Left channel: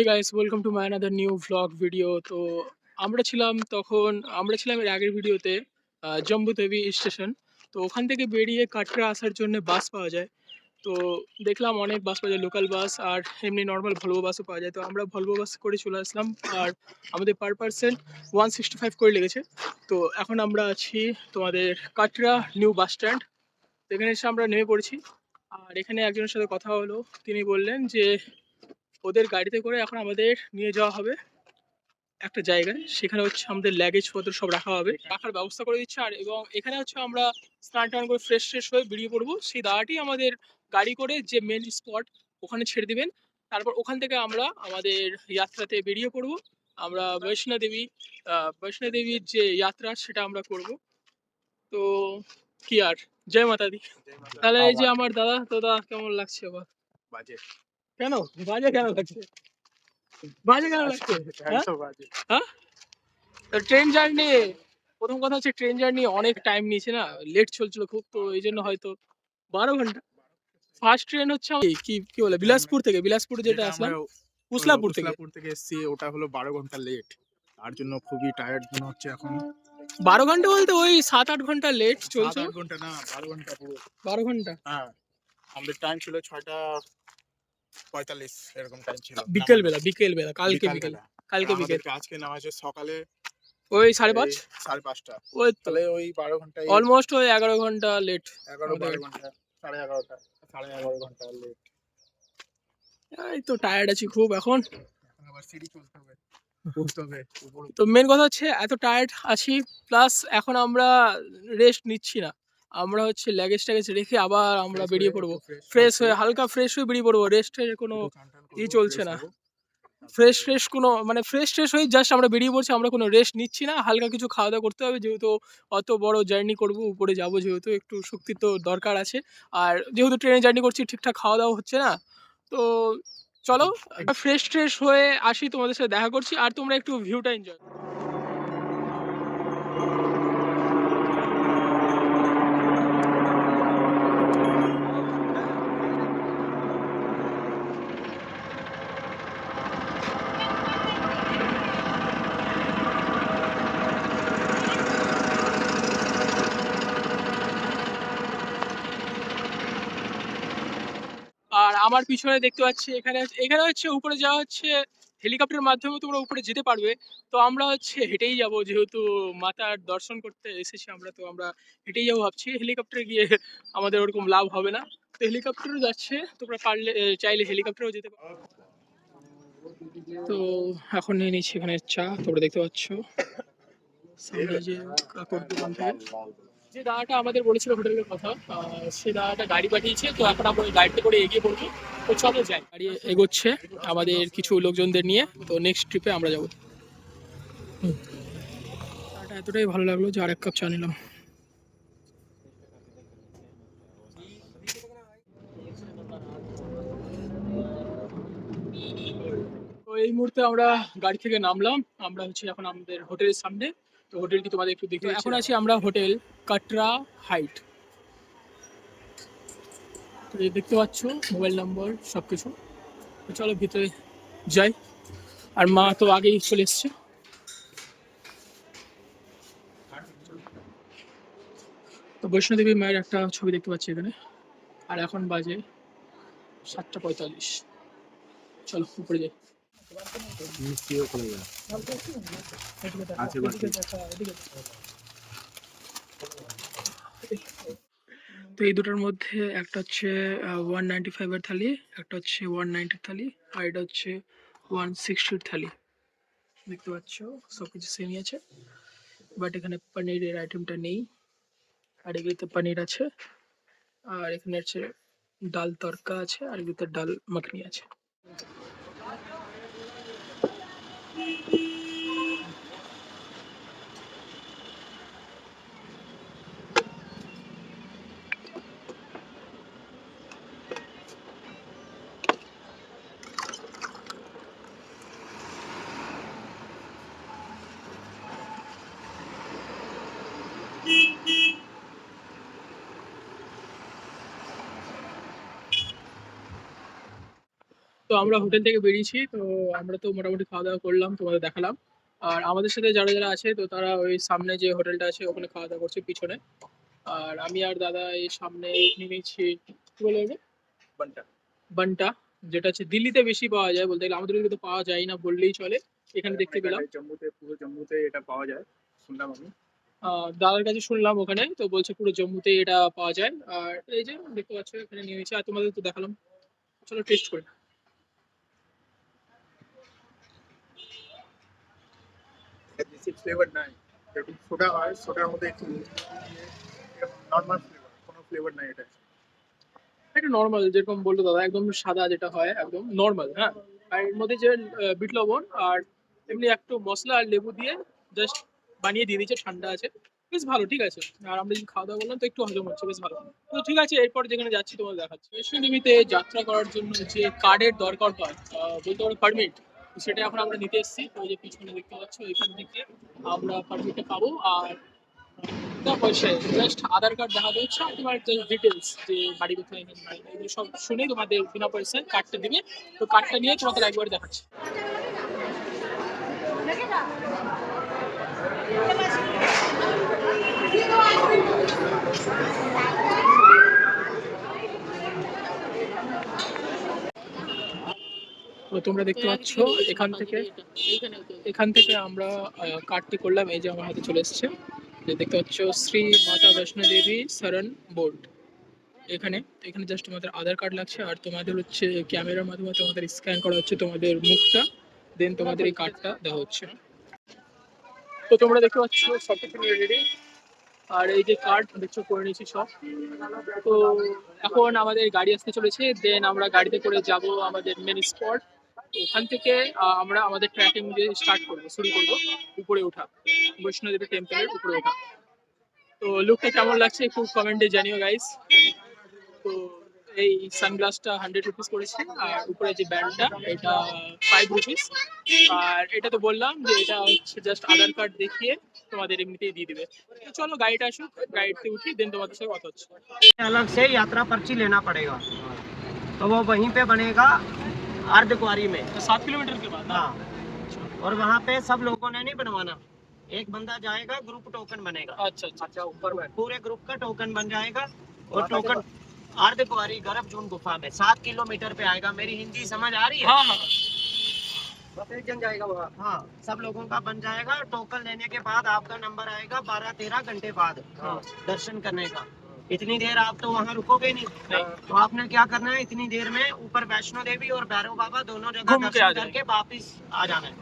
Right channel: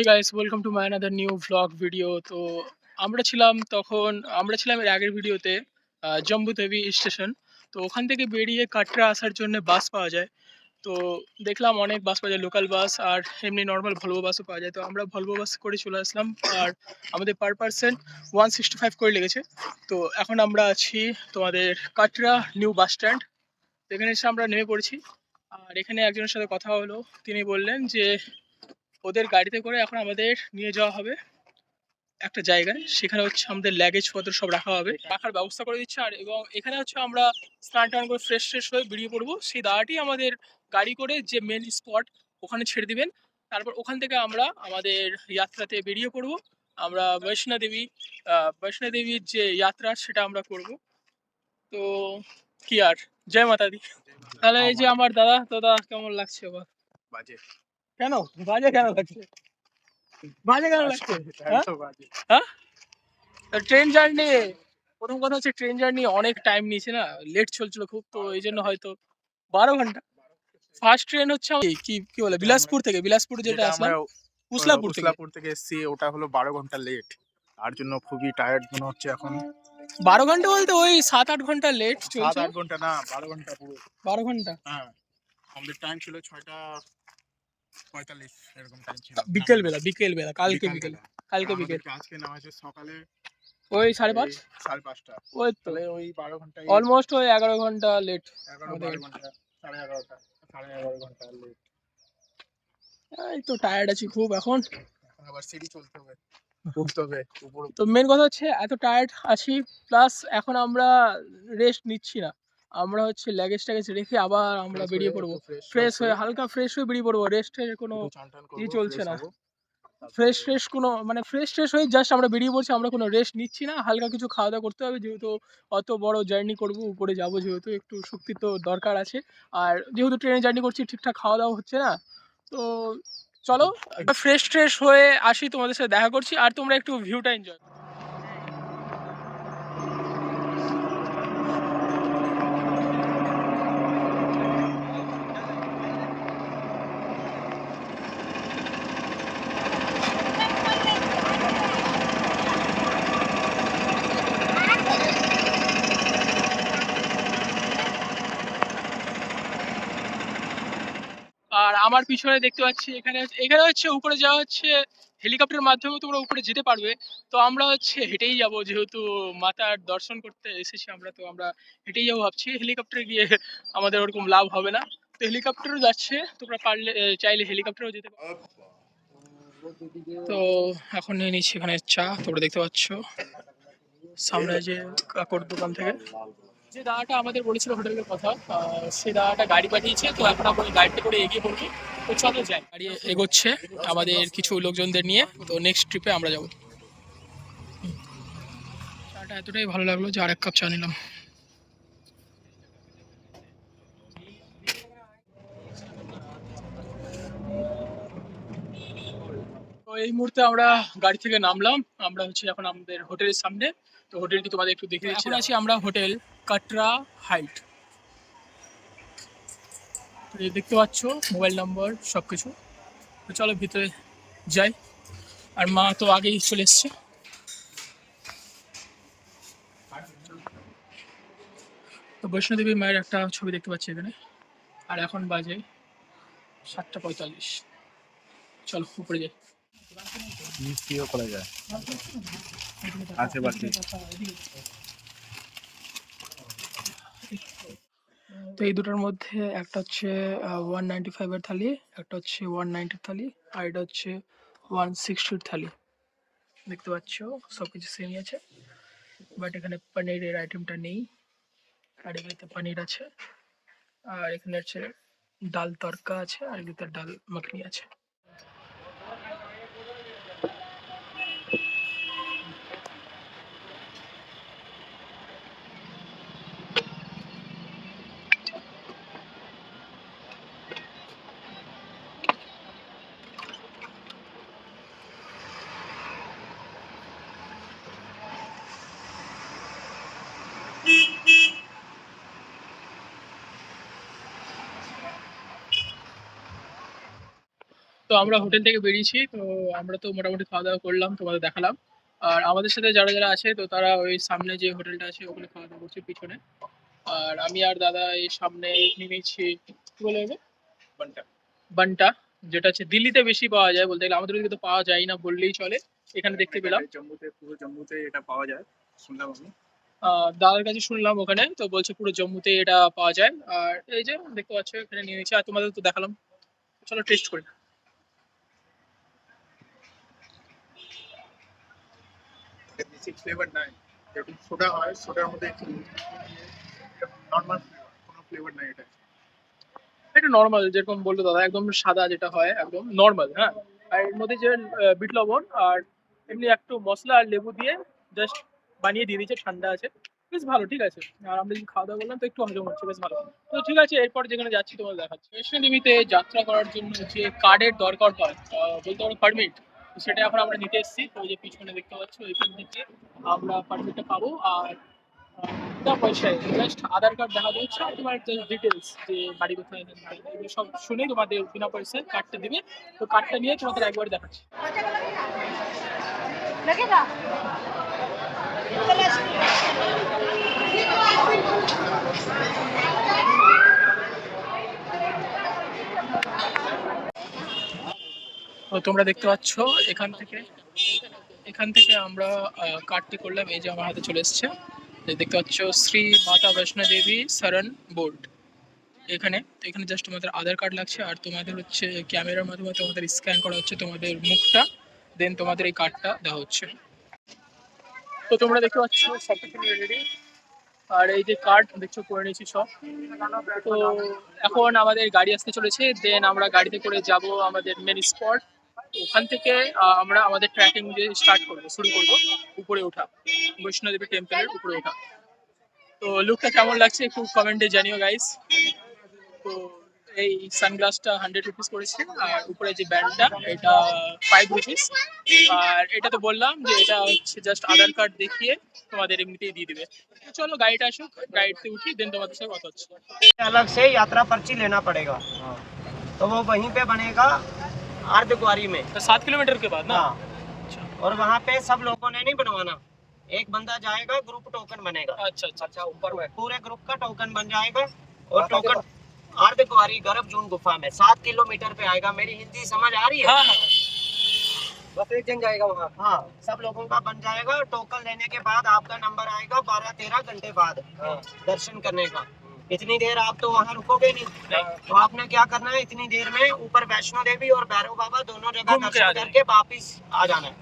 Hey guys, welcome to my another new vlog video. তো আমরা ছিলাম এর আগের ভিডিওতে জম্বু তাওয়ি স্টেশন। তো ওখান থেকে বেরিয়ে কাটরা আসার জন্য বাস পাওয়া যায়। তো দেখলাম অনেক বাস পাওয়া যায়, লোকাল বাস আর এমনি নর্মাল ভলভো বাসও পাওয়া যায়। তো আমরা ভলভো বাস করে চলে আসলাম। আর আমাদের পার পার্সন 165 করে লেগেছে। তো এখন আমরা আছি তোমাদের কাটরা নিউ বাস স্ট্যান্ড। এখানে এসে আমরা নেমে পড়েছি। আর এখানে একজনের সাথে কথা হলো, তিনি বললেন যে ওদের গাড়িতে করে এখন আমাদের নিয়ে যাওয়া হবে একটা জায়গায়। সেখানে হচ্ছে আমাদের লাগেজ পত্র সব রাখা হবে, রাখার ব্যবস্থা করে দিচ্ছে। আর এবং এখানে হচ্ছে আমরা স্নান টান করে ফ্রেশ ফ্রেশ হয়ে বেরিয়ে পড়বো। সেই দাঁড়াটি আমাদের গাড়ি করে যে মেন স্পট ওখানে ছেড়ে দিবেন। তারপর ওখান থেকে আমরা আমাদের যাত্রাতে বেরিয়ে পড়বো। আমরা বৈষ্ণোদেবীর যে যাত্রা সেটা আমরা করব। তো কি আর, জয় মাতা দি। তাহলে এই যে আমার দাদা, তো দাদা কেমন লাগছে আবার? বাজে। কেন বাজে কেন লাগছে? বাজে কেন লাগছে? হ্যাঁ? হ্যাঁ? ট্রেন জার্নি, প্রথম কথা হচ্ছে ট্রেন জার্নি অনেক টাইম নিয়েছে না, লেট চলছিল খুব। তো এই জন্য হয়তো 12 ঘন্টা। ফার্স্ট ট্রেন হচ্ছে কি কি বলে, বিলাসপুর যেটা আসলাম, উসলাপুর থেকে। উসলাপুর থেকে এসছি, ওটা হলো 12 ঘন্টা লেট। তার জন্য খুবই টায়ার্ড মনে হচ্ছে এখন। 12 ঘন্টা বলতে ওই 7-8 ঘন্টা লেট চলছে। 7-8 ঘন্টা না, 12 ঘন্টা পুরো। 12 ঘন্টা? হ্যাঁ, আমাদের টাইম ছিল 6:45 এরকম টাইম ছিল। বিকেল বেলা কালকে বিকেল। কালকে বিকেল আমাদেরকে আজকে নেওয়া হয়েছে সকালে ওই ওই 5:30। 5:30। ওই তো তাহলে ওই 12 ঘন্টায় অলমোস্ট ওই 11 ঘন্টা লেট 11-12 ঘন্টা, 11:30, 11:30 ঘন্টা লেট। এই তো টায়ার্ড আছি খুব এখন। আবার সিঁড়ি চলতে হবে, উঠতে হবে উপরে। তো মেন কথা হচ্ছে এত টায়ার্ড আছি, প্লাস এখন আমরা রেস্ট নিচ্ছি না। আমরা হচ্ছে লাগেজ ট্যাগেজ রেখে আবার আমরা বেরিয়ে পড়বো। ফ্রেশ হয়ে, হালকা ফ্রেশ হয়ে বেরিয়ে পড়বো। রেস্টের কোনো ই চলছে না। ফ্রেশ হয়ে জাস্ট আমরা বেরিয়ে পড়ছি। আমরা কোনো রেস্ট নিচ্ছি না, হালকা কিছু খাওয়া দাওয়া করতে হবে, যেহেতু অত বড় জার্নি করবো, উপরে যাবো, যেহেতু একটু শক্তি তো দরকার আছে। আর যেহেতু ট্রেনে জার্নি করছি, ঠিকঠাক খাওয়া দাওয়া হচ্ছে না। তো চলো ফ্রেশ হয়ে আসি, তোমাদের সাথে দেখা করছি। আর তোমরা একটু ভিউটা এনজয়। আর আমার পিছনে দেখতে পাচ্ছি, এখানে এখানে হচ্ছে উপরে যাওয়া হচ্ছে হেলিকপ্টারের মাধ্যমে, তোমরা উপরে যেতে পারবে। তো আমরা হচ্ছে হেঁটেই যাব, যেহেতু মাতার দর্শন করতে এসেছি আমরা। তো আমরা হেঁটেই যাবো ভাবছি, হেলিকপ্টারে গিয়ে আমাদের ওরকম লাভ হবে না। তো হেলিকপ্টারও যাচ্ছে, তোমরা পারলে চাইলে হেলিকপ্টারেও যেতে পারো। তো এখন নিয়ে নিচ্ছি এখানে চা, তোমরা দেখতে পাচ্ছ সামনে যে কাকুর দোকান থেকে। যে দাদাটা আমাদের বলেছিল হোটেলের কথা, সে দাদাটা গাড়ি পাঠিয়েছে। তো এখন আমরা ওই গাড়িতে করে এগিয়ে পড়বো। তো চলো যাই। গাড়ি এগোচ্ছে আমাদের কিছু লোকজনদের নিয়ে। তো নেক্সট ট্রিপে আমরা যাবো। চাটা এতটাই ভালো লাগলো যে আর 1 কাপ চা নিলাম। তো এই মুহূর্তে আমরা গাড়ি থেকে নামলাম। আমরা হচ্ছে এখন আমাদের হোটেলের সামনে। তো হোটেলটি তোমাদের একটু দেখে দিচ্ছি। এখন আছি আমরা হোটেল কাটরা হাইট। তো এই দেখতে পাচ্ছ মোবাইল নম্বর সব কিছু। তো চলো ভিতরে যাই। আর মা তো আগেই চলে এসছে। তো বৈষ্ণোদেবী মায়ের একটা ছবি দেখতে পাচ্ছি এখানে। আর এখন বাজে 7:45। চলো উপরে যাই। মিষ্টিও করা যায় আছে বাকি। তো এই দুটোর মধ্যে একটা হচ্ছে 195-এর থালি, একটা হচ্ছে 190-এর থালি, আর এটা হচ্ছে 160-এর থালি। দেখতে পাচ্ছ সবকিছু সেমই আছে, বাট এখানে পনিরের আইটেমটা নেই। আর এগুলোতে পনির আছে। আর এখানে হচ্ছে ডাল তড়কা আছে, আর এগুলোতে ডাল মাখনি আছে। তো আমরা হোটেল থেকে বেরিয়েছি। তো আমরা তো মোটামুটি খাওয়া-দাওয়া করলাম, তোমাদের দেখালাম। আর আমাদের সাথে যারা আছে তো তারা ওই সামনে যে হোটেলটা আছে ওখানে খাওয়া-দাওয়া করছে পিছনে। আর আমি আর দাদা এই সামনে নেমেছি, কি বলে ওকে? বান্টা। বান্টা, যেটা হচ্ছে দিল্লিতে বেশি পাওয়া যায় বলতে গেলে। আমাদের ওদিকে তো পাওয়া যায় না বললেই চলে। এখানে দেখতে পেলাম। জম্মুতে, পুরো জম্মুতে এটা পাওয়া যায় শুনলাম আমি। দাদার কাছে শুনলাম ওখানে। তো বলছে পুরো জম্মুতে এটা পাওয়া যায়। আর এই যে দেখতে পাচ্ছ এখানে নিয়ে নিয়েছি। আর তোমাদের তো দেখালাম। চলো টেস্ট করি। বেসিক ফ্লেভার নাই, যেরকম সোডা হয় সোডার মধ্যে একটু নর্মাল ফ্লেভার, কোনো ফ্লেভার নাই এটা। এটা নরমাল যেরকম বললো দাদা, একদম সাদা যেটা হয় একদম নরমাল, হ্যাঁ। আর এর মধ্যে যে বিট লবণ আর এমনি একটু মসলা আর লেবু দিয়ে জাস্ট বানিয়ে দিয়ে দিয়েছে, ঠান্ডা আছে। বেশ ভালো, ঠিক আছে। আর আমরা যদি খাওয়া দাওয়া করলাম তো একটু হজম হচ্ছে, বেশ ভালো। তো ঠিক আছে, এরপর যেখানে যাচ্ছি তোমাদের দেখাচ্ছি। বৈষ্ণোদেবীতে যাত্রা করার জন্য যে কার্ডের দরকার হয়, বলতে পারো পারমিট, সেটা এখন আমরা নিতে এসেছি। তো ওই যে পিছনে দেখতে পাচ্ছ ওইখান থেকে আমরা পারমিটটা পাবো। আর বিনা পয়সায় জাস্ট আধার কার্ড দেখাতে হচ্ছে আর তোমার যে ডিটেলস, যে বাড়ি কোথায়, এগুলো সব শুনে তোমাদের বিনা পয়সায় কার্ডটা দিবে। তো কার্ডটা নিয়ে তোমাদের একবার দেখাচ্ছি। তো তোমরা দেখতে পাচ্ছ এখান থেকে আমরা কার্ডটি করলাম। এই যে আমার হাতে চলে এসছে। যে দেখতে পাচ্ছ শ্রী মাতা বৈষ্ণো দেবী শরণ বোর্ড। এখানে জাস্ট তোমাদের আধার কার্ড লাগছে আর তোমাদের হচ্ছে ক্যামেরার মাধ্যমে তোমাদের স্ক্যান করা হচ্ছে তোমাদের মুখটা, দেন তোমাদের এই কার্ডটা দেওয়া হচ্ছে। তো তোমরা দেখতে পাচ্ছ সব কিছু নিয়ে রেডি। আর এই যে কার্ড দেখছো করে নিয়েছি সব। তো এখন আমাদের গাড়ি আসতে চলেছে, দেন আমরা গাড়িতে করে যাব আমাদের মেন স্পট। ওখান থেকে আমরা আমাদের ট্রেকিং যে শুরু করব উপরে ওঠা, বৈষ্ণোদেবী টেম্পলের উপরে ওঠা। তো লুকটা কেমন লাগছে একটু কমেন্টে জানিও গাইস। তো এই সানগ্লাসটা 100 রুপিস করেছে আর উপরে যে ব্যান্ডটা এটা 5 রুপিস। আর এটা তো বললাম যে এটা হচ্ছে জাস্ট আধার কার্ড দেখিয়ে তোমাদের এমনিতেই দিয়ে দিবে। তো চলো গাড়িটা আসুক, গাড়িতে উঠি, দেন তোমাদের সাথে কথা হচ্ছে। अलग से यात्रा पर्ची लेना पड़ेगा, तो वो वहीं पे बनेगा अर्धकुंवारी में। 7 किलोमीटर के बाद ना? हाँ, अच्छा और वहाँ पे सब लोगों ने नहीं बनवाना, एक बंदा जाएगा, ग्रुप टोकन बनेगा। अच्छा अच्छा अच्छा, ऊपर में पूरे ग्रुप का टोकन बन जाएगा और टोकन अर्धकुंवारी गर्भजून गुफा में 7 किलोमीटर पे आएगा। मेरी हिंदी समझ आ रही है? हाँ हाँ बस एक जन जाएगा वहाँ। हाँ, सब लोगों का बन जाएगा। टोकन लेने के बाद आपका नंबर आएगा 12-13 घंटे बाद दर्शन करने का। इतनी देर आप तो वहाँ रुकोगे नहीं, तो आपने क्या करना है, इतनी देर में ऊपर वैष्णो देवी और भैरव बाबा दोनों जगह घूम के आ दर्शन करके वापिस आ जाना है।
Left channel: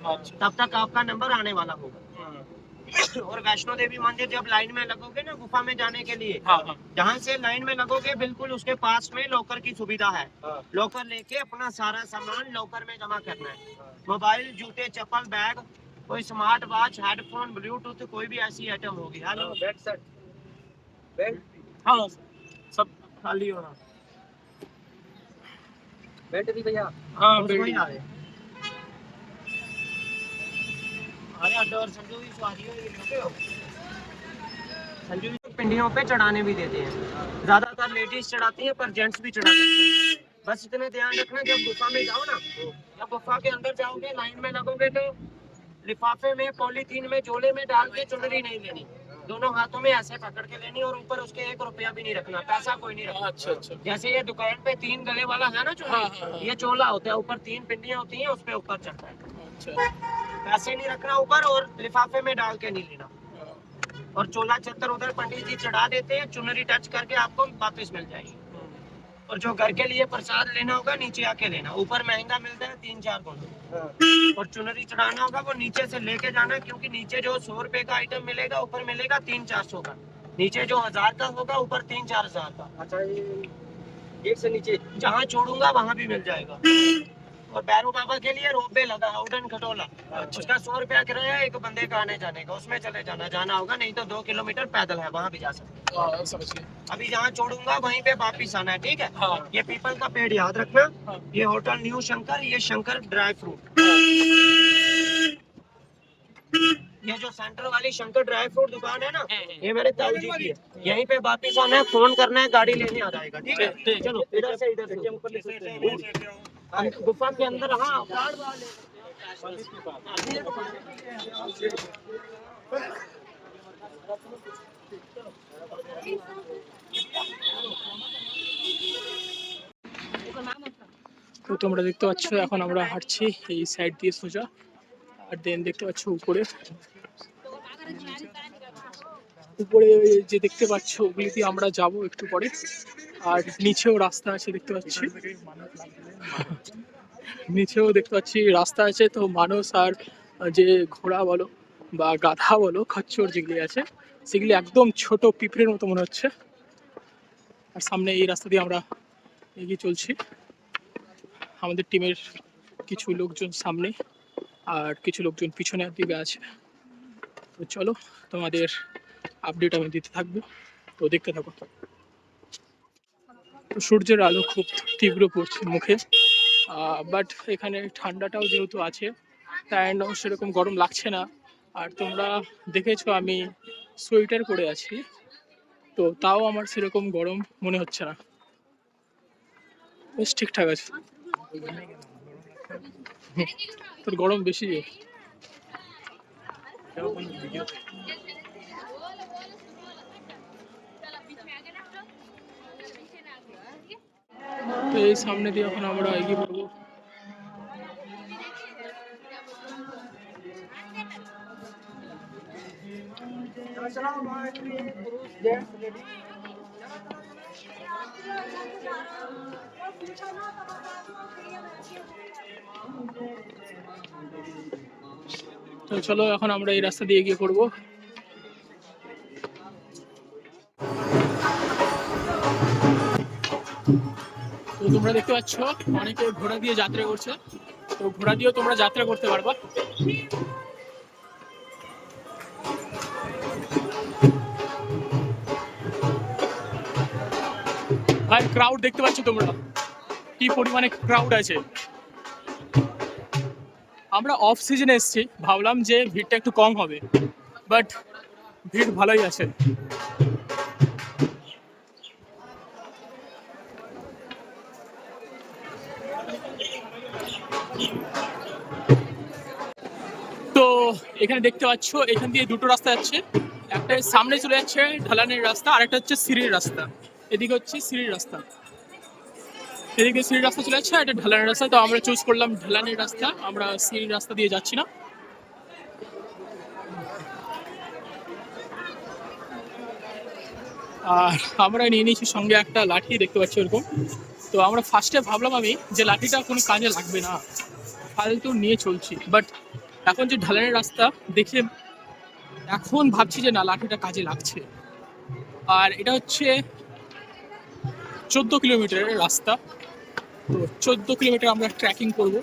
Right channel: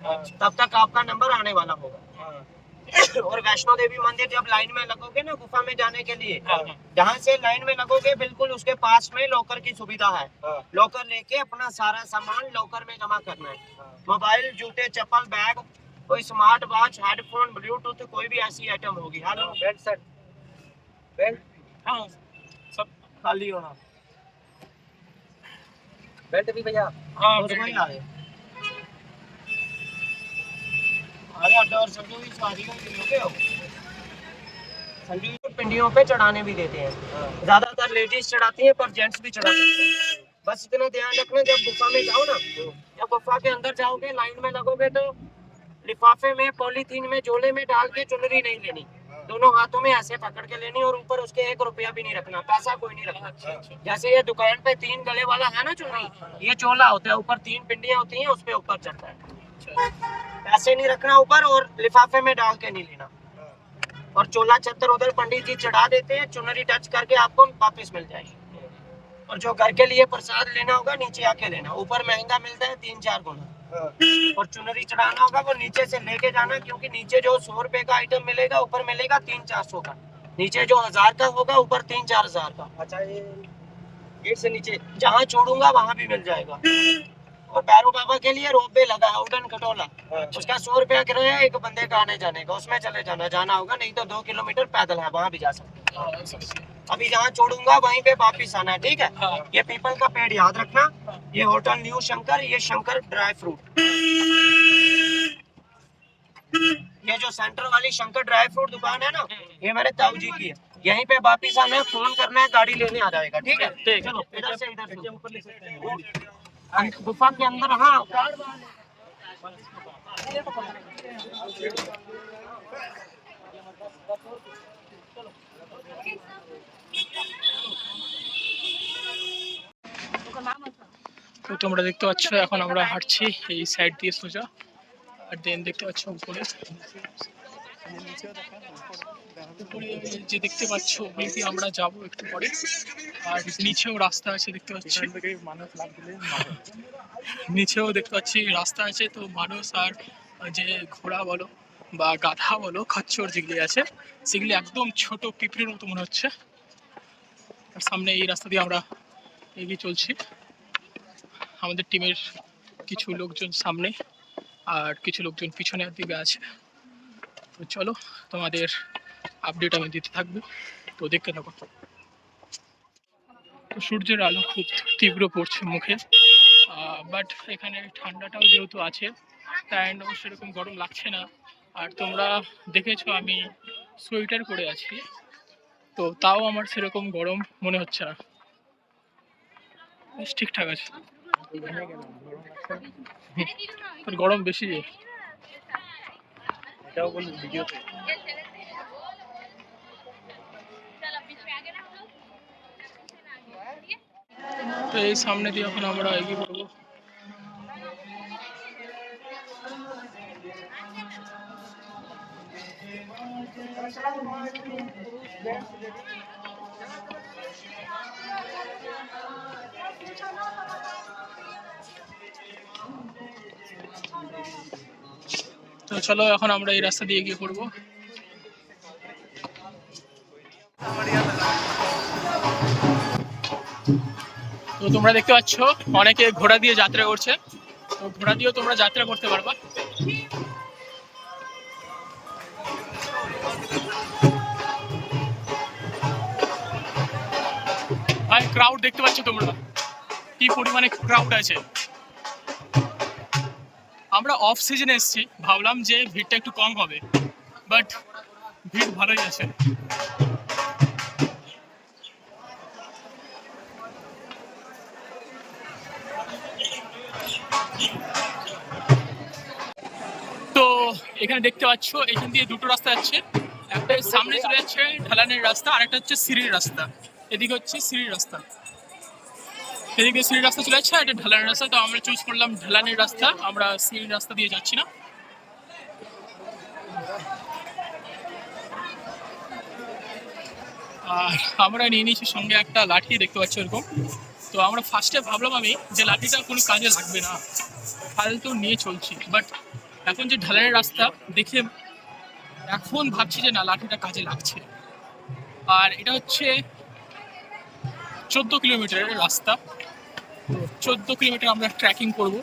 तब तक आपका नंबर आने वाला होगा। और वैष्णो देवी मंदिर जब लाइन में लगोगे ना गुफा में जाने के लिए, हाँ हाँ जहाँ से लाइन में लगोगे बिल्कुल उसके पास में लॉकर की सुविधा है। लॉकर लेके अपना सारा सामान लॉकर में जमा करना है। मोबाइल, जूते, चप्पल, बैग, कोई स्मार्ट वॉच, हेडफोन, ब्लूटूथ, कोई भी ऐसी आइटम होगी। बेल्ट सेट, बेल्ट, हाँ सब खाली होना। बेल्ट भी भैया? हाँ उसको ही बिल्डिंग। आ रहे। अरे अब और संजू की सवारियों के लोगे हो। संजू को पिंडियों पे चढ़ाने भी देते हैं। ज्यादातर लेडीज चढ़ाती है पर जेंट्स भी चढ़ा सकते हैं। बस इतना ध्यान रखना, जब गुफा में जाओ ना, जब गुफा के अंदर जाओगे लाइन में लगोगे तो लिफाफे में, पॉलीथीन में, झोले में डाल के चुनरी नहीं लेनी, दोनों हाथों में ऐसे पकड़ के लेनी और ऊपर उसके 1 रुपया भी नहीं रखना, पैसा कोई नहीं रखना। अच्छा अच्छा जैसे ये दुकान पे 3 गले वाला है ना चोला, ये चोला होता है, ऊपर 3 पिंडियां होती हैं, उस पे ऊपर चढ़ता है। अच्छा पैसे नहीं रखना ऊपर और लिफाफे में डाल के नहीं लेना। और चोला छत्तर उधर पंडित जी चढ़ा देते हैं, चुनरी टच करके आपको वापस मिल जाएगी। और जो घर के लिए प्रसाद लेना होगा नीचे आके लेना, ऊपर महंगा मिलता है 3-4 गुना। और चुनरी चढ़ाना होगा वो नीचे से लेके जाना, क्योंकि नीचे जो 100 रुपए का आइटम मिलेगा ऊपर मिलेगा 300-400 का, नीचे जो 1000 का होगा ऊपर 3-4 हजार का। अच्छा, ये गेट से नीचे जहाँ छोड़ूंगा वहाँ भी मिल जाएगा। और भैरव बाबा के लिए रोपवे लगा है, उड़न खटोला, उसका 100 रुपया किराया है एक बंदे का आने जाने का, उसमें चले जाना होगा, नहीं तो 2 किलोमीटर पैदल है, वहाँ भी जा सकते हैं। हाँ समझ गया। अभी जहाँ छोड़ूंगा वहीं पे वापिस आना है, ठीक है? हाँ ये पीपल का पेड़ याद रखना, ये होटल न्यू शंकर, ये शंकर ड्राई फ्रूट, ये जो सेंटर वाली शंकर ड्राई फ्रूट दुकान है ना, ये मेरे ताऊ जी की है। यहीं पे वापिस आना है, फोन करना है, गाड़ी लेने आ जाएगा, ठीक है? ठीक है। चलो इधर से गुफा के अंदर हाँ তো তোমরা দেখতে পাচ্ছ এখন আমরা হাঁটছি এই সাইড দিয়ে সোজা, আর দেন দেখতে পাচ্ছ উপরে উপরে যে দেখতে পাচ্ছ ওগুলি দিয়ে আমরা যাব একটু পরে। আর নিচেও রাস্তা আছে দেখতে পাচ্ছি, নিচেও দেখতে পাচ্ছি রাস্তা আছে। তো মানুষ আর যে ঘোড়া বলো বা গাধা বলো খচ্চর যেগুলি আছে সেগুলি একদম ছোট পিঁপড়ের মতো মনে হচ্ছে। আর সামনে এই রাস্তা দিয়ে আমরা এগিয়ে চলছি, আমাদের টিমের কিছু লোকজন সামনে আর কিছু লোকজন পিছনের দিকে আছে। তো চলো তোমাদের আপডেট আমি দিতে থাকবো, তো দেখতে থাকো। তো সূর্যের আলো খুব তীব্র পড়ছে মুখে, বাট এখানে ঠান্ডাটাও যেহেতু আছে তাই সেরকম গরম লাগছে না। আর তোমরা দেখেছো আমি সোয়েটার পরে আছি, তো তাও আমার সেরকম গরম মনে হচ্ছে না, বেশ ঠিকঠাক আছে। তোর গরম বেশি যে। তো এই সামনে দিয়ে এখন আমরা এগিয়ে পড়বো। তো চলো এখন আমরা এই রাস্তা দিয়ে এগিয়ে পড়বো। তো তোমরা দেখতে পাচ্ছ অনেকে ঘোড়া দিয়ে যাত্রা করছে, তো ঘোড়া দিয়েও তোমরা যাত্রা করতে পারবা। ভাই ক্রাউড দেখতে পাচ্ছ তোমরা কি পরিমাণে ক্রাউড আছে। আমরা অফ সিজনে এসেছি, ভাবলাম যে ভিড়টা একটু কম হবে, বাট ভিড় ভালোই আছে। তো এখানে দেখতে পাচ্ছ এখান দিয়ে দুটো রাস্তা যাচ্ছে, একটা সামনে চলে যাচ্ছে ঢালানের রাস্তা, আর একটা হচ্ছে সিঁড়ির রাস্তা। এদিকে হচ্ছে সিঁড়ির রাস্তা, এদিকে সিঁড়ির রাস্তা চলে যাচ্ছে, আর এটা ঢালানের রাস্তা। তো আমরা চুজ করলাম ঢালানের রাস্তা, আমরা সিঁড়ির রাস্তা দিয়ে যাচ্ছি না। আর আমরা নিয়ে নিয়েছি সঙ্গে একটা লাঠি, দেখতে পাচ্ছি এরকম। তো আমরা ফার্স্টে ভাবলাম আমি যে লাঠিটা কোনো কাজে লাগবে না, ফালতু নিয়ে চলছি, বাট এখন যে ঢালানের রাস্তা দেখে এখন ভাবছি যে না, লাঠিটা কাজে লাগছে। আর এটা হচ্ছে 14 কিলোমিটারের রাস্তা, তো 14 কিলোমিটার আমরা ট্রেকিং করব,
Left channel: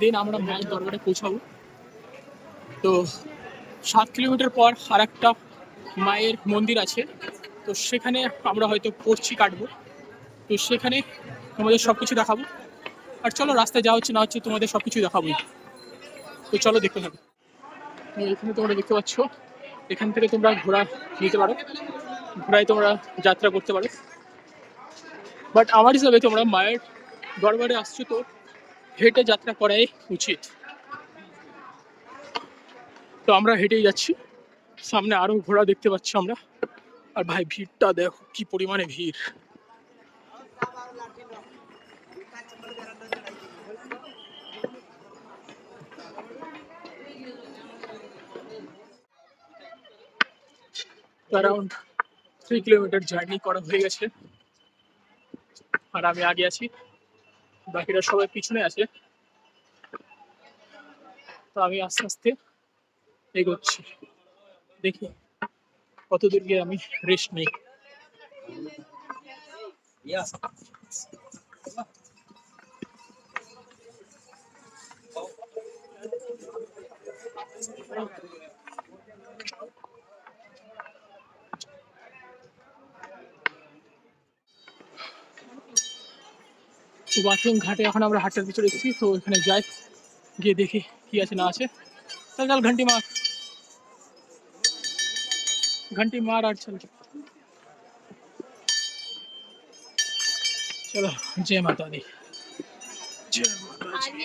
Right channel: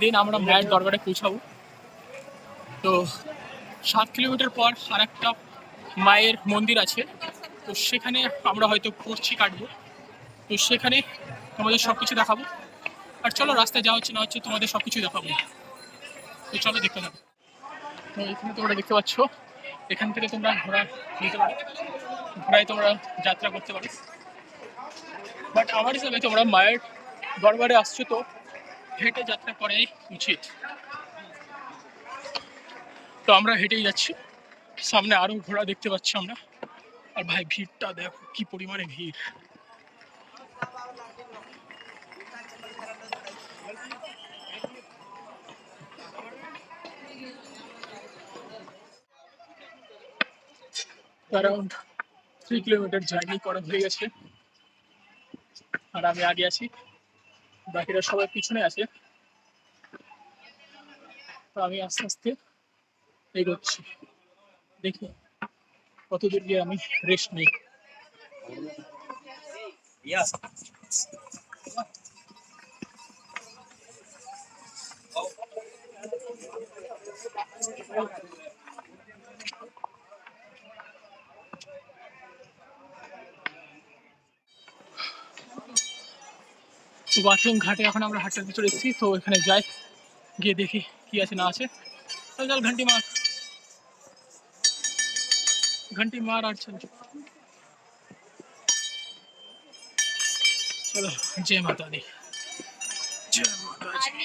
দেন আমরা মায়ের দরবারে পৌঁছাবো। তো 7 কিলোমিটার পর আর একটা মায়ের মন্দির আছে, তো সেখানে আমরা হয়তো পড়ছি কাটবো, তো সেখানে তোমাদের সব কিছু দেখাবো। আর চলো রাস্তায় যা হচ্ছে না হচ্ছে তোমাদের সব কিছু দেখাবোই, তো চলো দেখতে থাকো। তো এখানে তোমরা দেখতে পাচ্ছ এখান থেকে তোমরা ঘোড়া নিতে পারো, ঘোড়ায় তোমরা যাত্রা করতে পারো, বাট আমার হিসাবে তোমরা মায়ের দরবারে আসছো তো হেঁটে যাত্রা করাই উচিত। তো আমরা হেঁটেই যাচ্ছি, সামনে আরো ঘোড়া দেখতে পাচ্ছি আমরা। আর ভাই ভিড়টা দেখো কি পরিমাণে ভিড়। অ্যারাউন্ড 3 কিলোমিটার জার্নি করা হয়ে গেছে, আর আমি আগে আছি, বাকিরা সবাই পিছনে আছে। তো আমি আস্তে আস্তে এগোচ্ছি, দেখি কত দূর গিয়ে আমি রেস্ট নেই। তো বাথরুম ঘাটে এখন আমরা হাটের ভিতরে এসেছি, তো এখানে যাই, গিয়ে দেখি কি আছে না আছে। চল চল ঘন্টি মার, ঘন্টি মার আর চল চল। चलो जय माता दी, जय माता दी।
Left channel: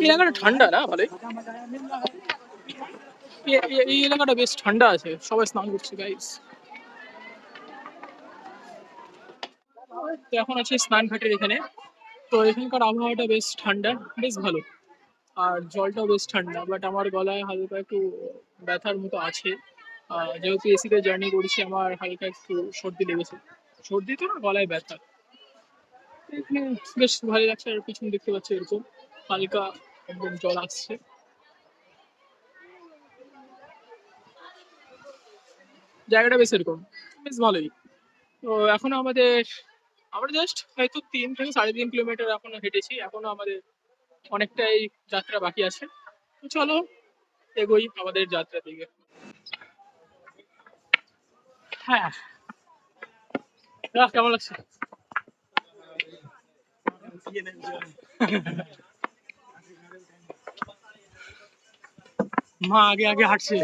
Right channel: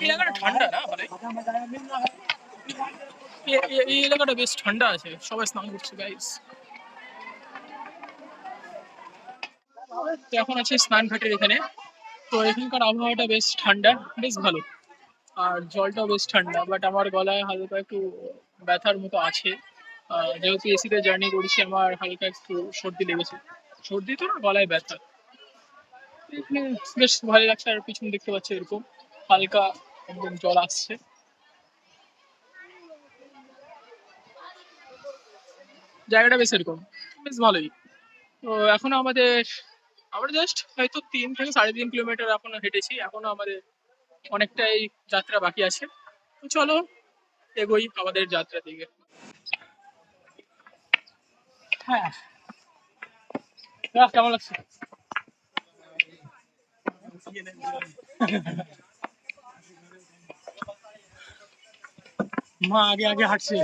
এই এলাকাটা ঠান্ডা না ভালোই, এই এলাকাটা বেশ ঠান্ডা আছে, সবাই স্নান করছে গাইস। তো এখন আছে স্নান ঘাটের এখানে। তো এখানকার আবহাওয়াটা বেশ ঠান্ডা, বেশ ভালো, আর জলটাও বেশ ঠান্ডা, বাট আমার গলায় হালকা একটু ব্যথার মতো আছে। যেহেতু এসিতে জার্নি করেছি, আমার হালকা একটু সর্দি লেগেছে। সর্দি তো না, গলায় ব্যথা। এখানে বেশ ভালো লাগছে, আর পিছনে দেখতে পাচ্ছি এরকম হালকা একদম জল আসছে। জায়গাটা বেশ এরকম, বেশ ভালোই। তো এখনো আমরা জাস্ট হয়তো 3 থেকে 3.5 কিলোমিটার এখনো হেঁটেছি, এখনো আমাদের অনেকটাই যাত্রা বাকি আছে। তো চলো এগোই আমাদের যাত্রার দিকে। হ্যাঁ, কেমন লাগছে? মা আগে আগে হাঁটছে।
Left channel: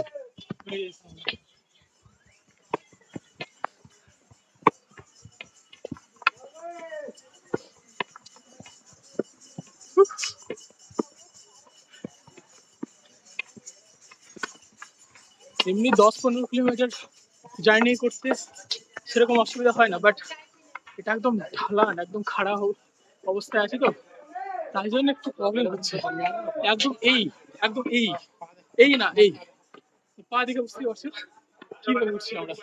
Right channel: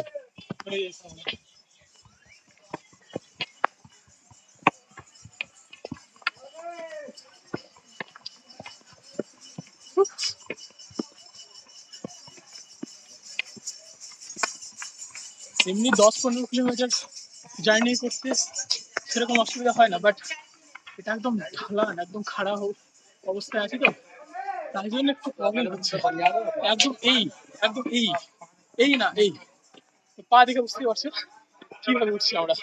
এমনি 10-15 কিলোমিটার জার্নি করতে সেরকম অসুবিধা হয় না, বাট এটা একদম ঢালান, একদম খাড়া অবস্থায় আছে, তো তাই জন্য একটু প্রবলেম হচ্ছে। একদম একদম এই না এই পা দেখে বুঝতে পারছো কিভাবে উঠছি আমরা।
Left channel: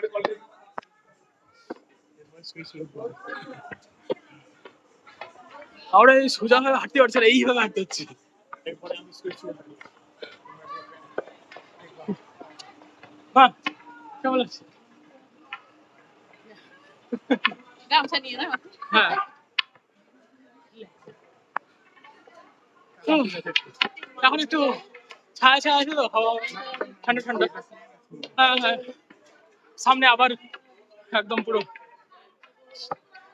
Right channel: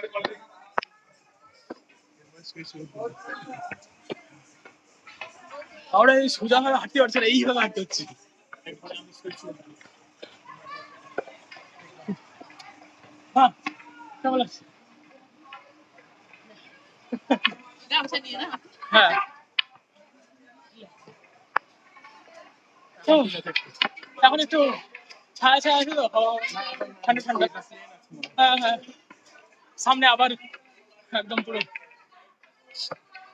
আমরা এই সোজা ভাবে হাঁটতে পারছি না, এইভাবে হাঁটতে হচ্ছে। হ্যাঁ, কেমন লাগছে? হ্যাঁ, এখন একটু ছায়া ছায়া আছে, তো হাওয়া ঠান্ডা ঠান্ডা। হ্যাঁ হ্যাঁ, সামনে আবার একদম পুরো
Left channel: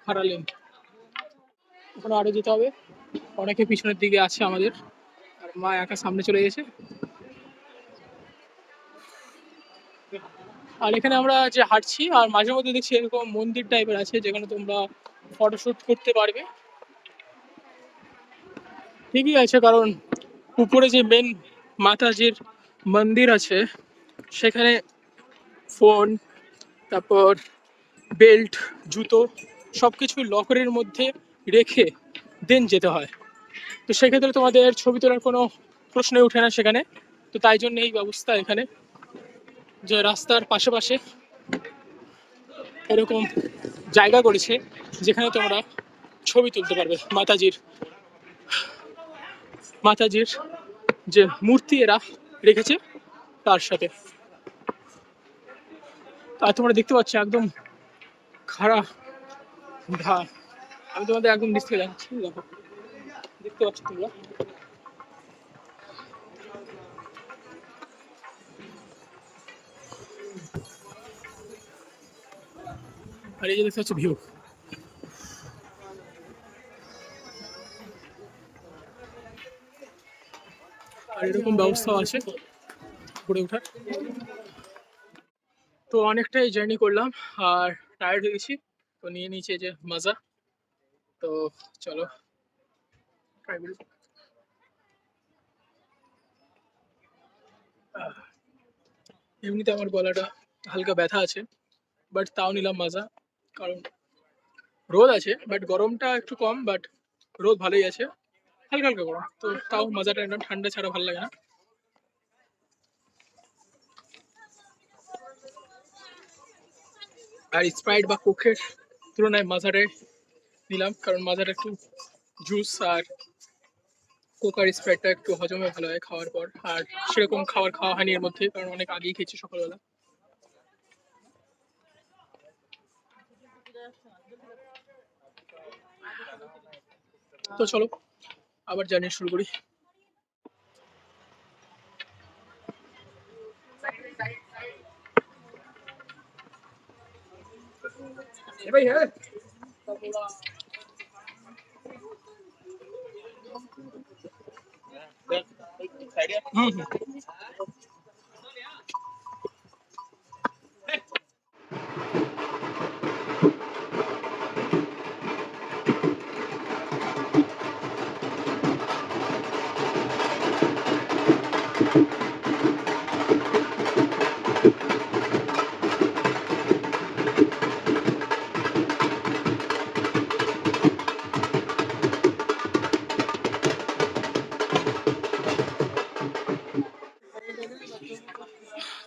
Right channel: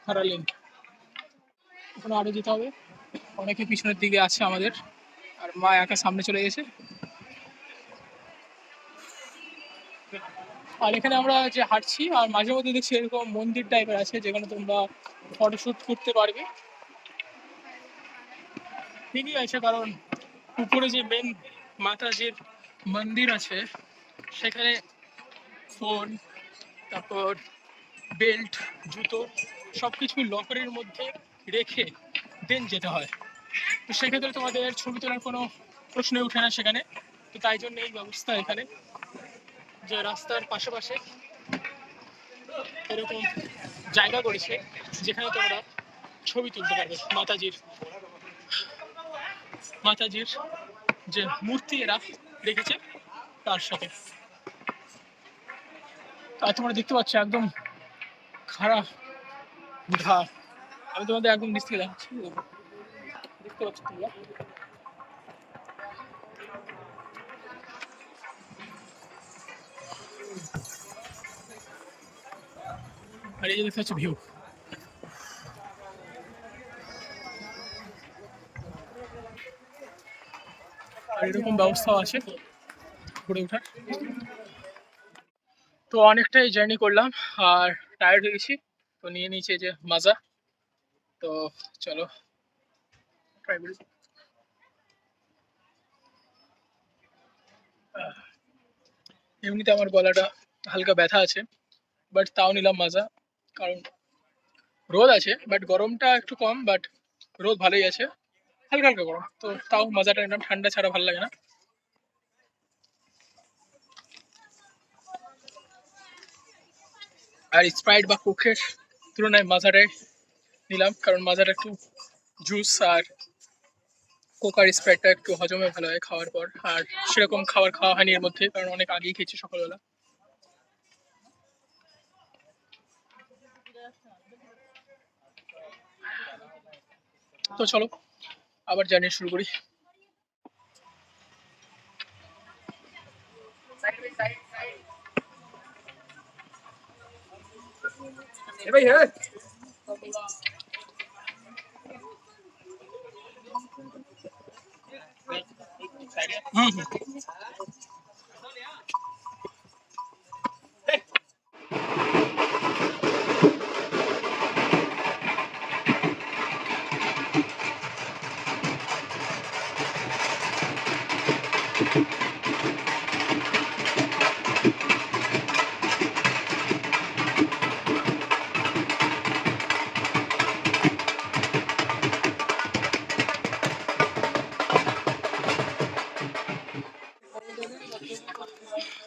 হারালেন। ওখানে আরো যেতে হবে, অনেকে পিছনের দিকে আছে আমাদের, আর মা একা সামনে চলে গেছে। আর এখানে আমরা যে হাঁটছি, আর মাঝে মধ্যে দেখছি এরকম মন্দির টাইপের আছে, যেখানে তোমরা ফটোশুট করতে পারবে। ঠিকই আছে, কারণ উপরে যে মেন মাতাজির মন্দির আছে, সেখানে ফোন, তারপর বেল্ট, জুতো সব কিছু লকারের মধ্যে রেখে দেন যেতে হয়। তো সেক্ষেত্রে তোমাদের ছবি তোলার কোনো প্রশ্নই ওঠে না সেখানে। তো তাই জন্য এই ব্যবস্থা এখানে, যে রাস্তার পাশে পাশে এরকম জায়গা করেছে যেখানে তোমরা ছবি তুলতে পারবে মাতাজির যে মূর্তি এরা রেখেছে তার সাথে। আর তোমরা দেখতে পাচ্ছ একদম খাড়া ঢাল। আমি তোমাদের একদম নিচ থেকে দেখাচ্ছি, দেখো, দেখতে পাচ্ছ তোমরা। আর এই যে দেখতে পাচ্ছ ভিউ। আর এরকম ব্যবস্থাও আছে ঘুরে ওঠার। তো অনেকটাই জার্নি করলাম, আর টায়ার্ড হয়ে গেছি, তো নিয়ে নিয়েছি যে মাজা। তো চলো ট্রাই করি। এমনিতে আমার গলাটা হালকা ব্যথা আছে, বাট তাও নিলাম মাজা, কারণ রোদ আছে বাট গরমটা একটু কম, বাট রোদ ভালোই আছে, হালকা হালকা গরম, তো তাও মাজাটা নিলাম, ঠান্ডা ছাড়া ভালো লাগে না। আর স্প্রাইট বা কোকের তুলনায় মাজাটাই নিলাম, কারণ মাজাটা একটু জুস, আর কোক আর স্প্রাইটটা একটু হজমে ভালো হয় খাওয়ার পর। আর সেরকম খাওয়া হয়নি এর মধ্যে, কারণ অনেক আগেই খেয়েছি সকালবেলা। তো চলো আবার জার্নি শুরু করি। ভাই হ্যাঁ, হুম হুম।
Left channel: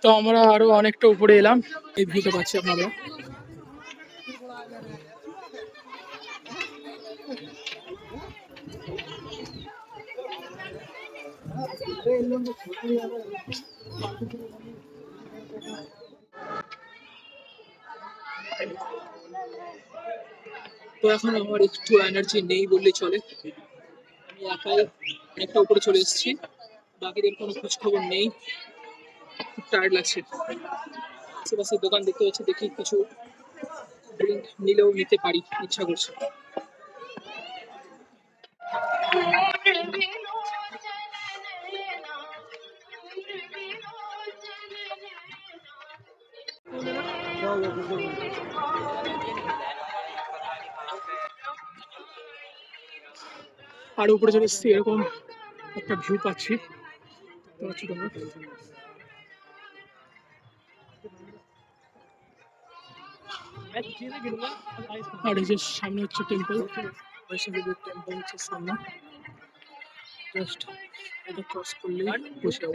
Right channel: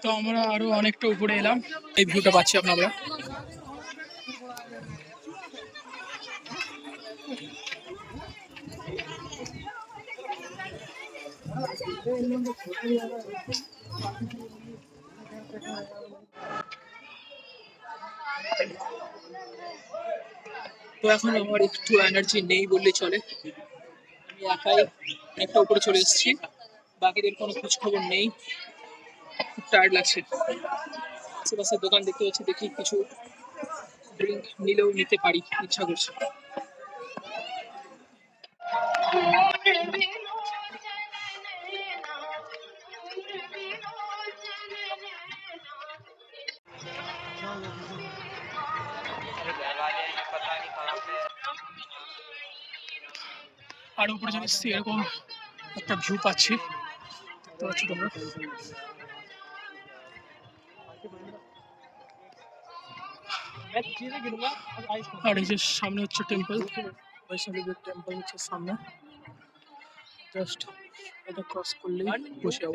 তো আমরা আরো অনেকটা উপরে এলাম, এই ভিউটা পাচ্ছি আপনারা। তো এখন আমার একটু এনার্জি নেই বললেই চলে, আমি একাই অনেকটা উপরে চলে এসেছি, বাকিদের কোনো খোঁজ খবর নেই, খুব টায়ার্ড লাগছে। আশেপাশে দোকান দেখতে পাচ্ছি, দেখি কিছু ড্রিঙ্ক নিলেও নিতে পারি, ইচ্ছা করছে। আর উপরে চলে এসেছি, এরকম একটা ভিউ পাচ্ছি, দেখতে পাচ্ছি তোমরা। আর এই যে সামনে হচ্ছে টেম্পল, বৈষ্ণবী টেম্পল হচ্ছে সামনে, জাস্ট এটা ক্রস করলেই বসে যাবো।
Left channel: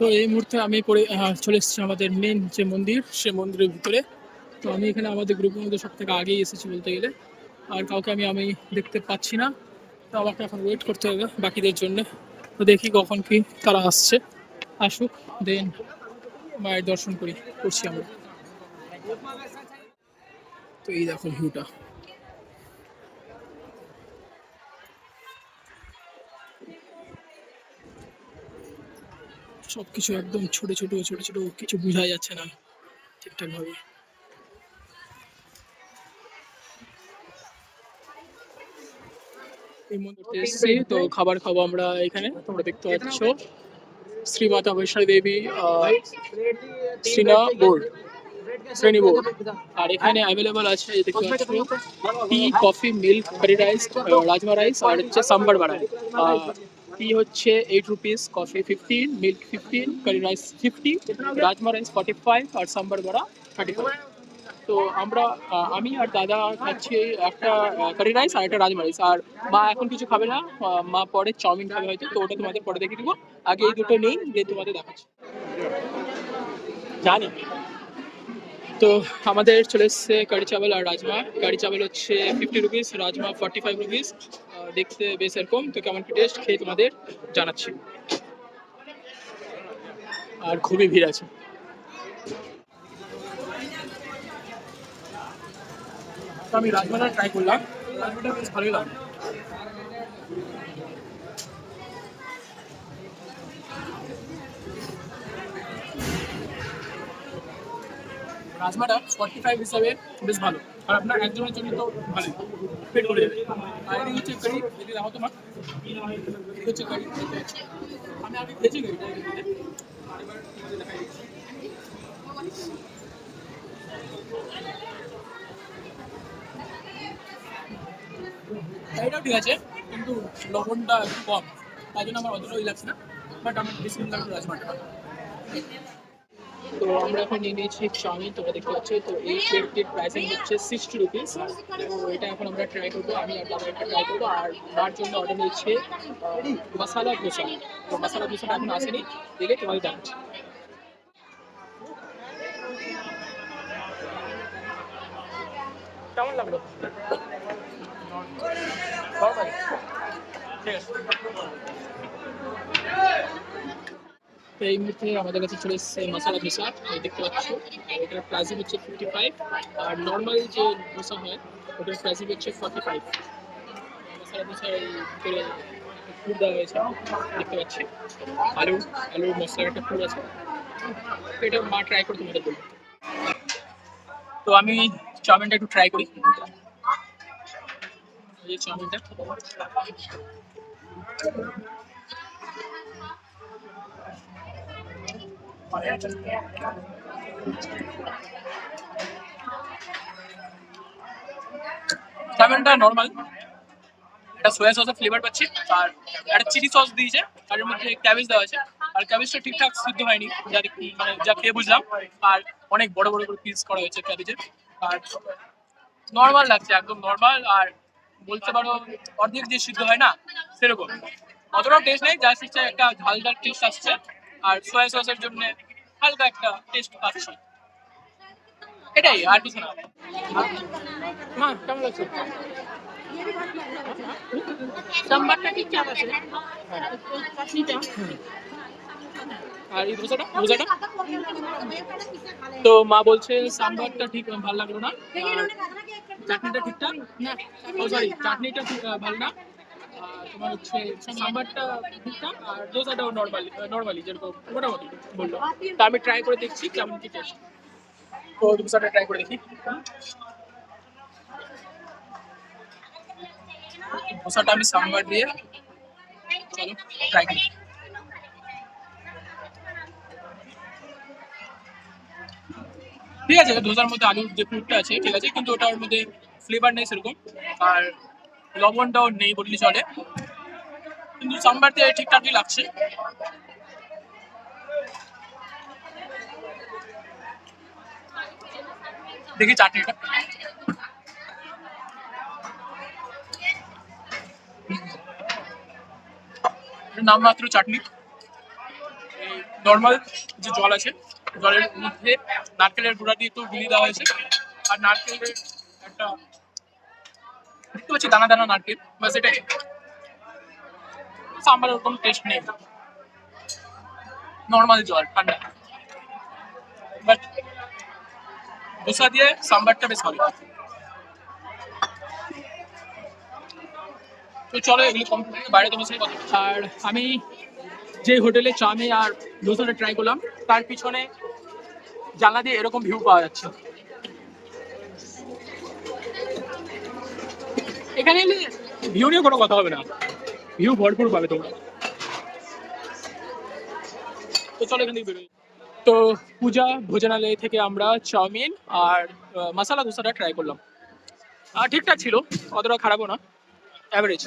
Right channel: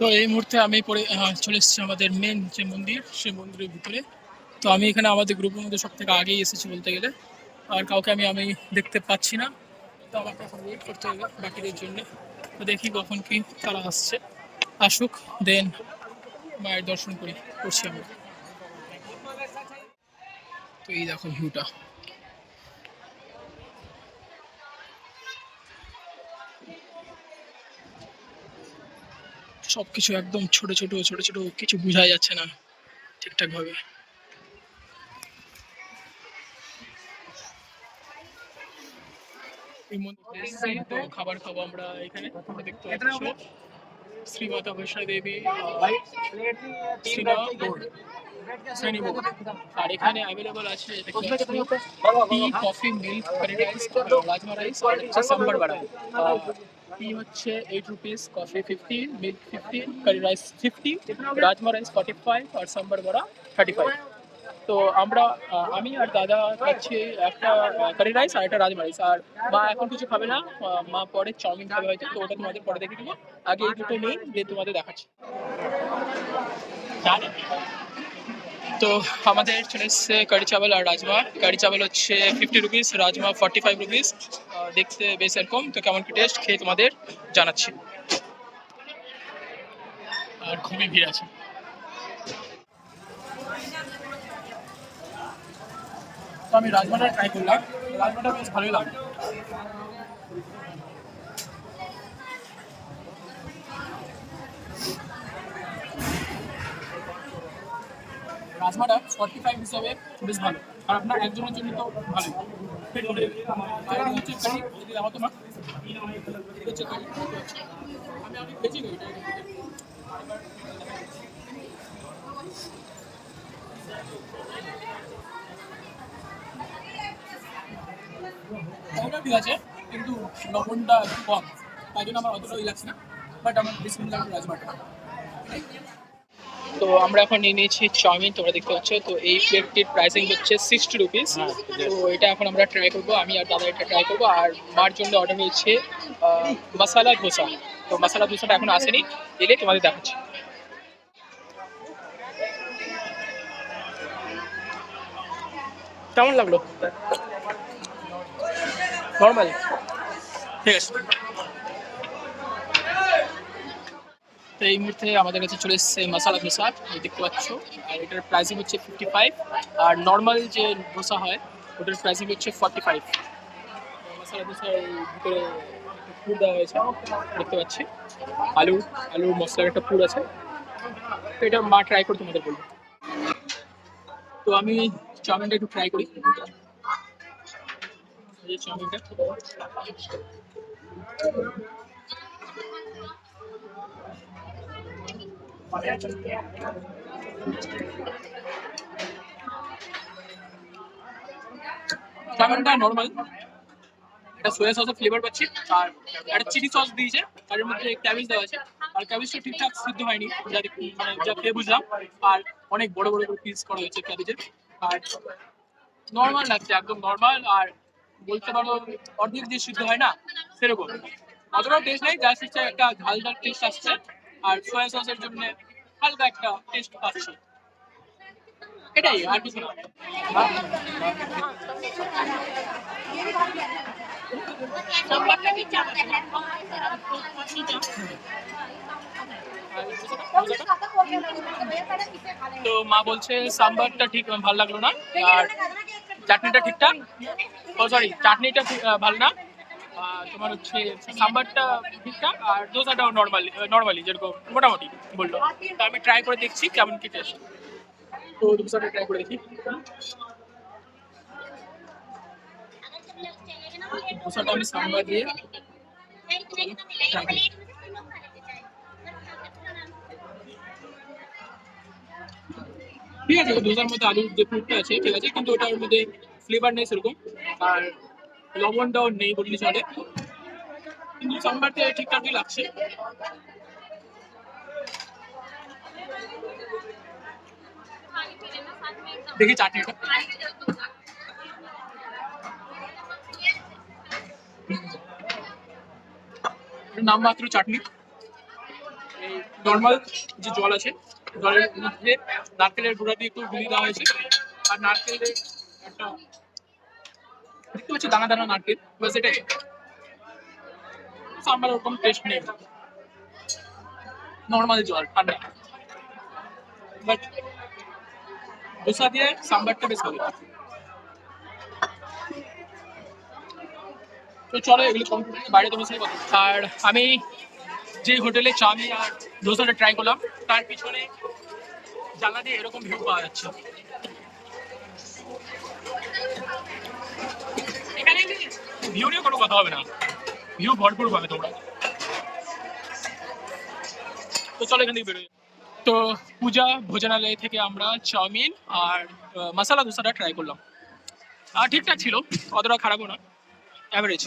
তো এই মুহূর্তে আমি চলে এসেছি আমাদের মেন যে মন্দির, সে মন্দিরের ভিতরে। তো আমি এখানে আমাদের গ্রুপের মধ্যে সব থেকে আগেই এসেছি বলতে গেলে, আর কাউকে আমি দেখতে পাচ্ছি না, তো আমাকে এখন ওয়েট করতে হবে বাকিদের জন্য। তো দেখি কখন কি তারা আসুক, দেন মায়ের দর্শন করছি আমরা। তো এই দেখো ভিউটা, সবকিছু একদম ছোট ছোট ছোট ছোট, কিছু বোঝা যাচ্ছে না ঠিকঠাক ভাবে। এই মন্দিরতে এসেছি, তো খাবার খাবো আমরা এখানে, তোমরা দেখতে পাচ্ছ শ্রী মাতা বৈষ্ণবী দেবী শ্রেণী বোর্ড। আর এখানে অ্যাভেলেবল আছে, এই দেখতে পাচ্ছ, tea, coffee, milk, curry rice, rajma rice, আর হচ্ছে সাম্বার বাড়া। টি হচ্ছে 8 rupees, coffee 15, milk 15, curry rice 50, rajma rice 45 আর সাম্বার বড়া 35। তো আমি আর দাদা খাচ্ছি একটা কারি রাইস আর একটা রাজমা রাইস, আর মা এখন কিছু খাবে না, মা পরে চাউমিন খাবে হয়তো, তো ওটা তোমাদের পরে দেখে দেবো। আগে এই দুটো নেই, দিয়ে তোমাদের দেখাচ্ছি। জানি। তো আমাদের চলে এসছে কারি চাওয়াল আর রাজমা। কারি চাওয়াল হচ্ছে 50 রুপিস, রাজমা 45 রুপিস। দেখতে বেশ এরকম, তো কেমন কি টেস্ট খেয়ে তোমাদের জানাচ্ছি। আর খুবই ভিড় আছে। তো আমি রাজমাটা ট্রাই করলাম, রাজমাটা বেশ ভালোই লাগলো। রাজমাটা 45 হিসাবে বেশ ভালো, আর আপনার একজনের জন্য তো ভালোই, পেট ভরে যাবে। আর এটি হচ্ছে কারি, এটি দেখো তোমার, এটি হচ্ছে কারি, আমি ভেজে গেছি আর এবার তোমাদের দেখাই দিচ্ছি। এটাও ঠিক আছে, কিন্তু লবণটা একটু কম, তাই জন্য আমার অতটাই লাগছে না, বাট আমার বেশি লাগলো রাজমাটা। তো আমরা এখন নিয়ে নিয়েছি চাউমিন, তোমরা দেখতে পাচ্ছ। তো এই প্লেটটির প্রাইসিং হচ্ছে 60 রুপিস। তো এটা এখন আমরা ট্রাই করবো, আমি আর দাদা এটা ট্রাই করবো। আর মার জন্য অর্ডার হয়েছে মশালা ধোসা। তো মশালা ধোসাটা এখন আসেনি, এলে তোমাদের দেখাচ্ছি। কেমন লাগলো? নর্মাল, ঠিক আছে। তো এই মুহূর্তে আমাদের কাছে চলে এসেছে মশালা ধোসা, এই দেখতে পাচ্ছ। আর এটার প্রাইসিং হচ্ছে 55, আর নর্মাল যে ধোসা হয় ওটার প্রাইসিং হচ্ছে 45। মশালা ধোসার ভিতরে পুর দেওয়া হয়েছে, দেখতে পাচ্ছি আলুর মশলার একটা পুর আছে। তো এটা মা ট্রাই করে তোমাদের বলবো। তো আমি চাউমিনটা একটু ট্রাই করি, এই চাউমিনটা। চাউমিনটা নর্মাল, একটা সোয়া সসের ফ্লেভার পাচ্ছি, আর একটা চিলি সস দিয়েছে, আর এর মধ্যে ক্যাবেজ দেওয়া আছে। আর ক্যাবেজটা ঠিকঠাক সিদ্ধ হয়নি, যা মানে যা খেয়ে বুঝলাম। আর অনেক বড় বড় করে পিস করা হয়েছে ক্যাবেজের। আর নর্মাল লাগছে, একদম নর্মাল। আর বলতে পারো অর্ধেক যে সিদ্ধ হয় না সেরকম, অতটাও টেস্ট নেই, জাস্ট হচ্ছে একটা ঝাল ঝাল টেস্ট আসছে। আর সয়া সসের জন্য হালকা একটা টেস্ট পাচ্ছি, এটাই আর কিছু না। হ্যাঁ, কেমন লাগছে? আর এই ধোসাটা ধোসাটা তো মা বলছে সাম্বারটা ঠিক ভালো লাগলো না, আর চাটনিটা ঠিকঠাক, ও সরি চাটনিটা ভালো না, তোমার হচ্ছে সাম্বারটা ঠিকঠাক, আর দোসাটাও নর্মালি যেরকম মোটামুটি বললো। তো আমি ট্রাই করে দেখছি কেমন কি টেস্ট। তো দোসাটা ট্রাই করে দেখি। দোসাটা আমি সাম্বার দিয়ে, চলো ট্রাই করি। ঠিক আছে, ধোসার মধ্যে আলুর যে পুরটা আছে ঠিক আছে, কিন্তু ওটার মধ্যে ফ্লেভার নেই সেরকম, আর লবণটাও নেই বললে চলে, কিন্তু সাম্বার দিয়ে ঠিকঠাকই লাগছে। দেখি চাটনিটা, নামমাত্র চাটনি। এই নর্মাল যে জল আছে, জলের মধ্যে নারকেলের গুঁড়া দিয়ে একটু গুলিয়ে দেওয়া হয়েছে, আর নারকেলের একটা দেখতে পাচ্ছি দানা দানা নারকেল, বাস এটাই। সাম্বারের ওরকম টেস্ট নেই, নর্মাল জল ঠান্ডা, বাট দোসা দিয়ে সাম্বারটা বেশ ভালো। তো চলো এগুলো কমপ্লিট, বাইরে তো বসে কথা। আর আমি যে হোটেলে চাউমিন আর দোসাটা ট্রাই করলাম, তার পিছনে জানলা দিয়ে এরকম ভিউ পাওয়া যাচ্ছে। এখানে ভিউ নিয়ে কোনো কথা হবে না, ভিউ ভরপুর পাবে তোমরা। তো চলো এখান থেকে বেরোই। তো পূজা ভোজনালয় থেকে আমরা চাউমিন আর মশলা দোসাটা ট্রাই করলাম, আর ঠিকঠাক ছিল, অতটা খারাপও না, অ্যাভারেজ।